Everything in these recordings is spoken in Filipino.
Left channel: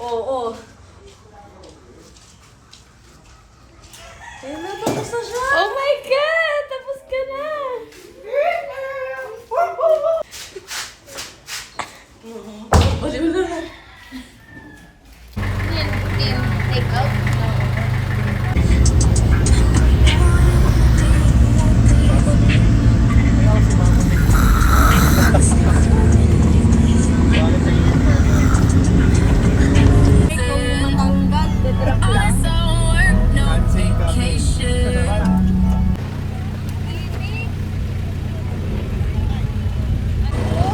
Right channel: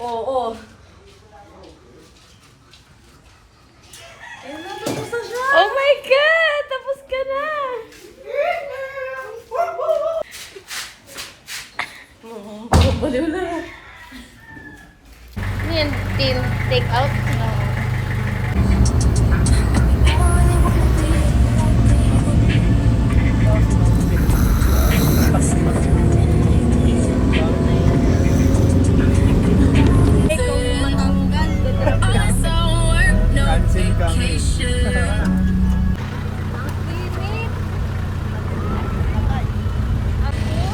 Oo. Ayun na, tapos na siya. Oh my God! Tapos ka na! Baliw na. Ano yun? Take out? No.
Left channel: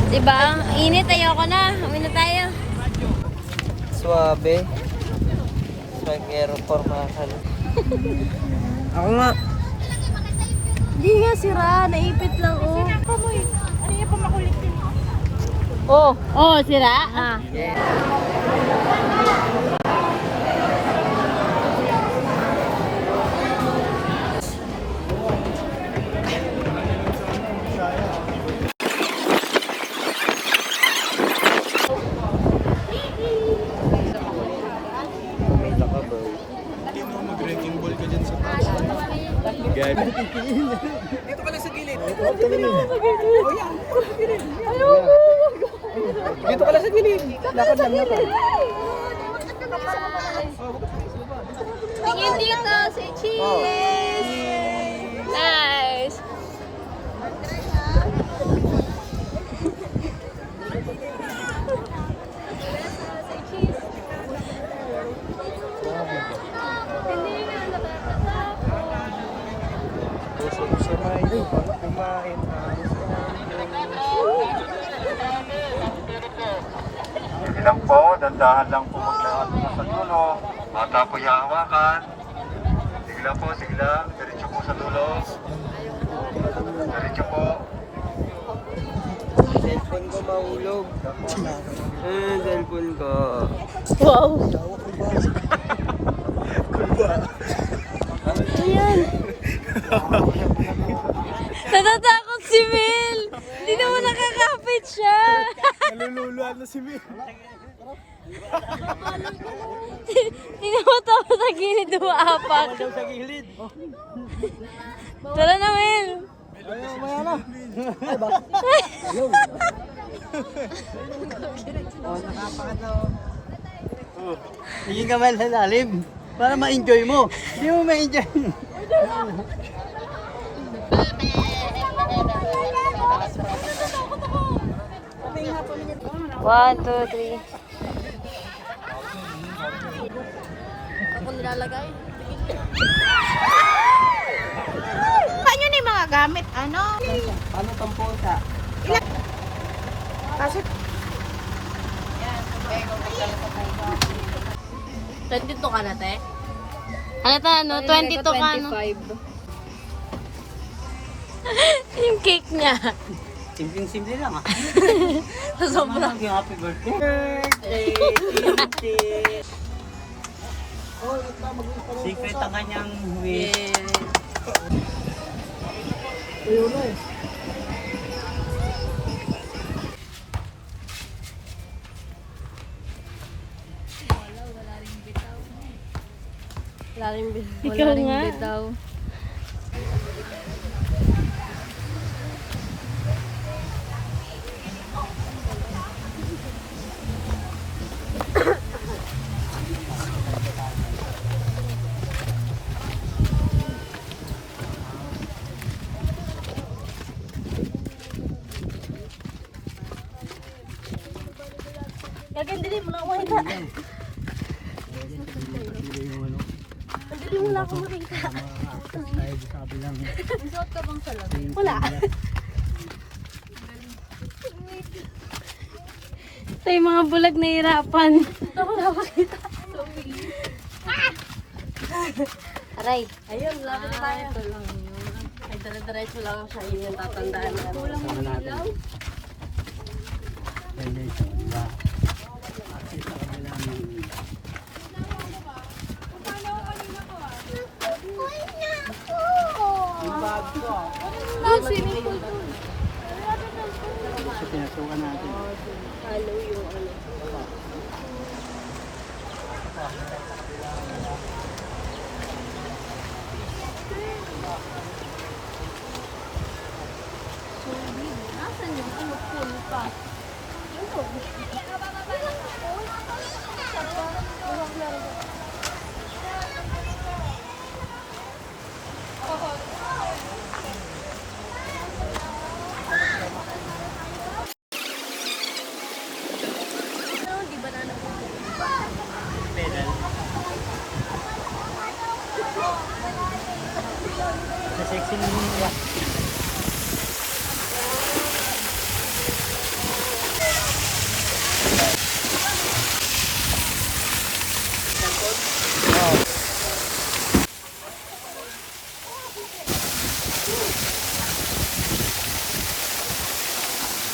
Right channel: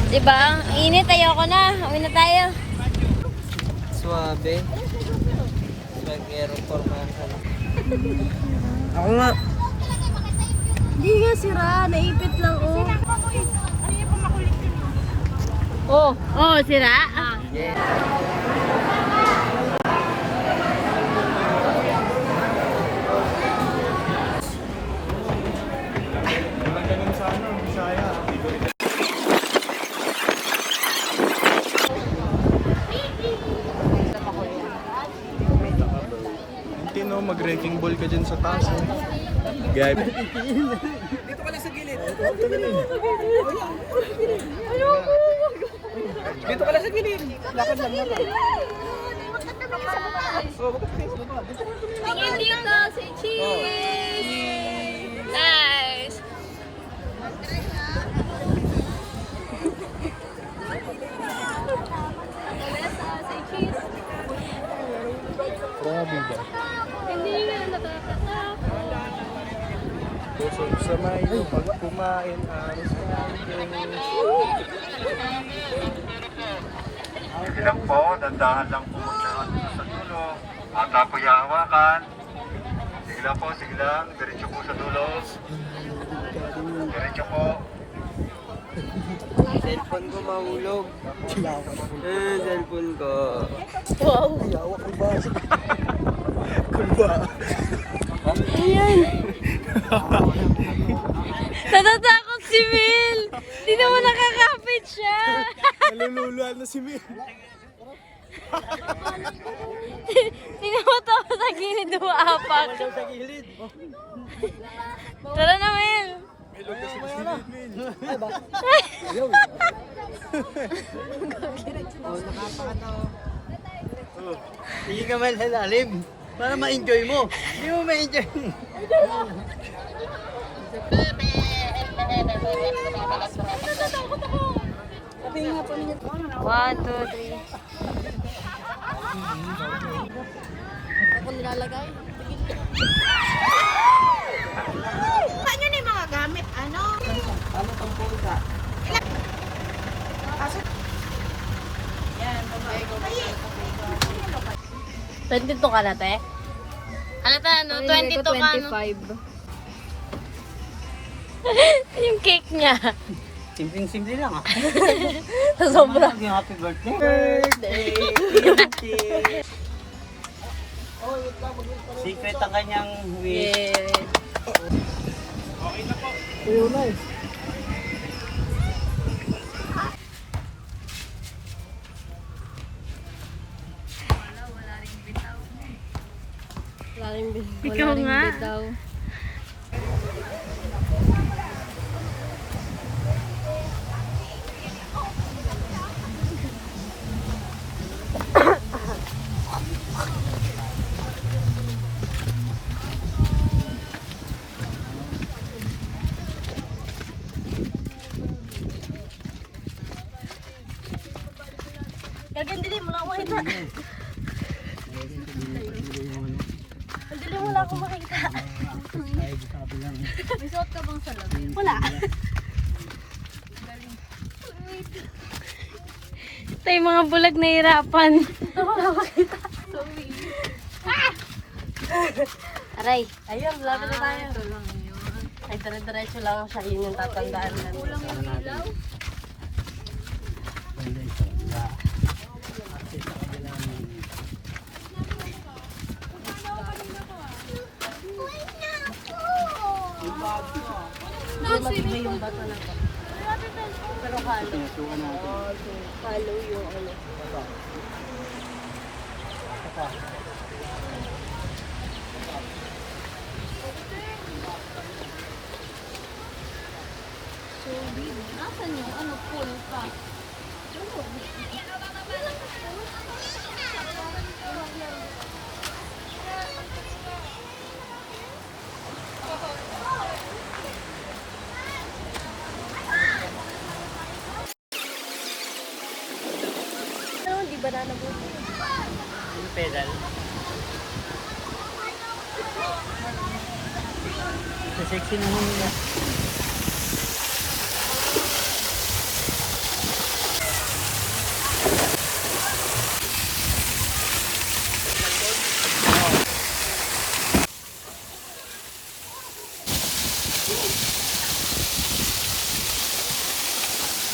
Diba? Ang init, ayoko na. Uwi na tayo. Suabe. Strike aeroport mahal. Ako nga. Hindi nga sira, naipit lang oh. Oh, oh, sira? Ah. Yeah. Mag-wrecking ball ka dyan sa taas. Dito ka lang sa gilid. Dito ka lang sa gilid. Lakad lang natin. Tingin dito, say cheese! Nice! Say cheese! Grabe ba? Hindi nga nakakatakot. Sa may kumain. Sige lang po, dandahan lang po maglahat mo sa dulo. Mata po yung hawakan. Sige lang po, sige lang. Diretso po sa dulo. Diretso po. Cellphone ko mahulog. Cellphone ko. Wow! Natatakot si Mel! Hindi naman nakakapit siya! Nalululuan na si May. Tingnan mo to sa gilid umaapak. Sa gilid. Tara na, Mel! Oh, nakapakata oh. Oh. Hindi ka man sa lalim. Para ma-enjoy mo. Hindi mo ma-enjoy. Natatakot ako! 1, 2, 3. Ako nilalagay. Paano yun yung mga gamit? Ano? Paano kang punta? Kasi 22 ka na, te? Ano ta, ano? 22 ka, no? Yung cake niya. Simpleng-simple lang ah. Sobra. Happy birthday. Secret ang kanyang wish. Ikaw nga. Bitaw. Dili mo lang ako makita. Dili mo lang ako makita. May suot ka bang salamin? Wala. Ito yung mga bulag na hirapan. Aray. Ayun, lapit na tayo. Ito lang yun. Ay, diretso lang siya. Yun yung tatandaan namin. Kulang mo ng ilaw? Pinasukan natin. Follow yung ano. Nasaan yung ano, pool pa? Yung pedal. Sa sexy naman nila.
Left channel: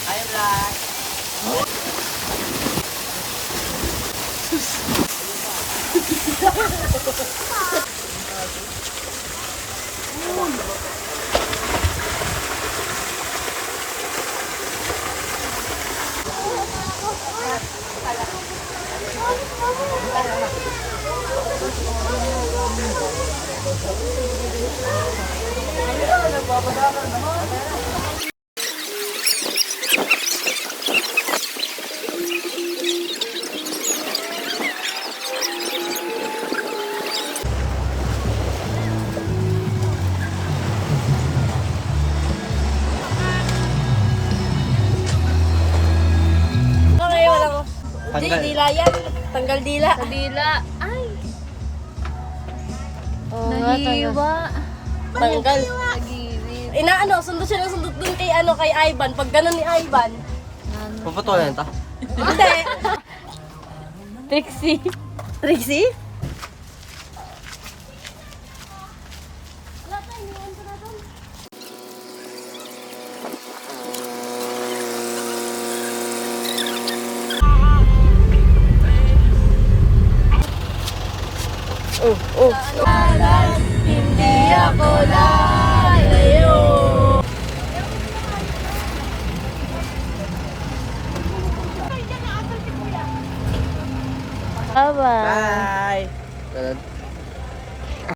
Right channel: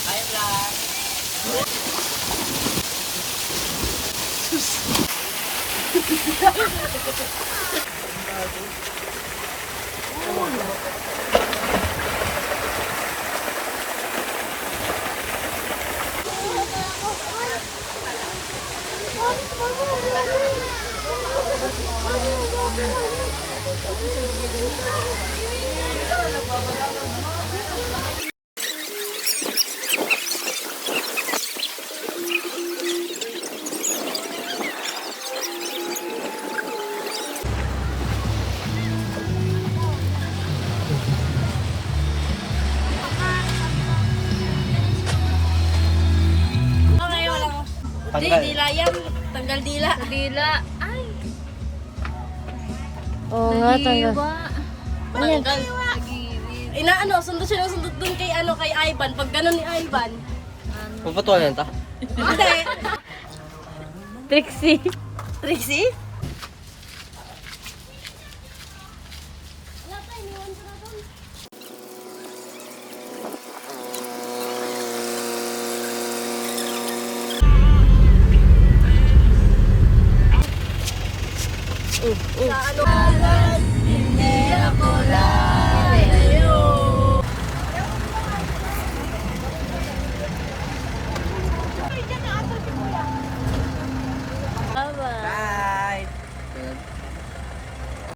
Hi, vlog! Ano ngayon, wala ko. Tanggal. Dila yan. Tanggal dila. Sa dila. Ay. Oo nga, tanggal. Inaano, sundot siya ng sundot dun kay ano, kay Ivan. Pag ganun ni Ivan. Papatulan ta. Hindi. Trixie. Trixie? Wala tayo, iniwan ko na doon.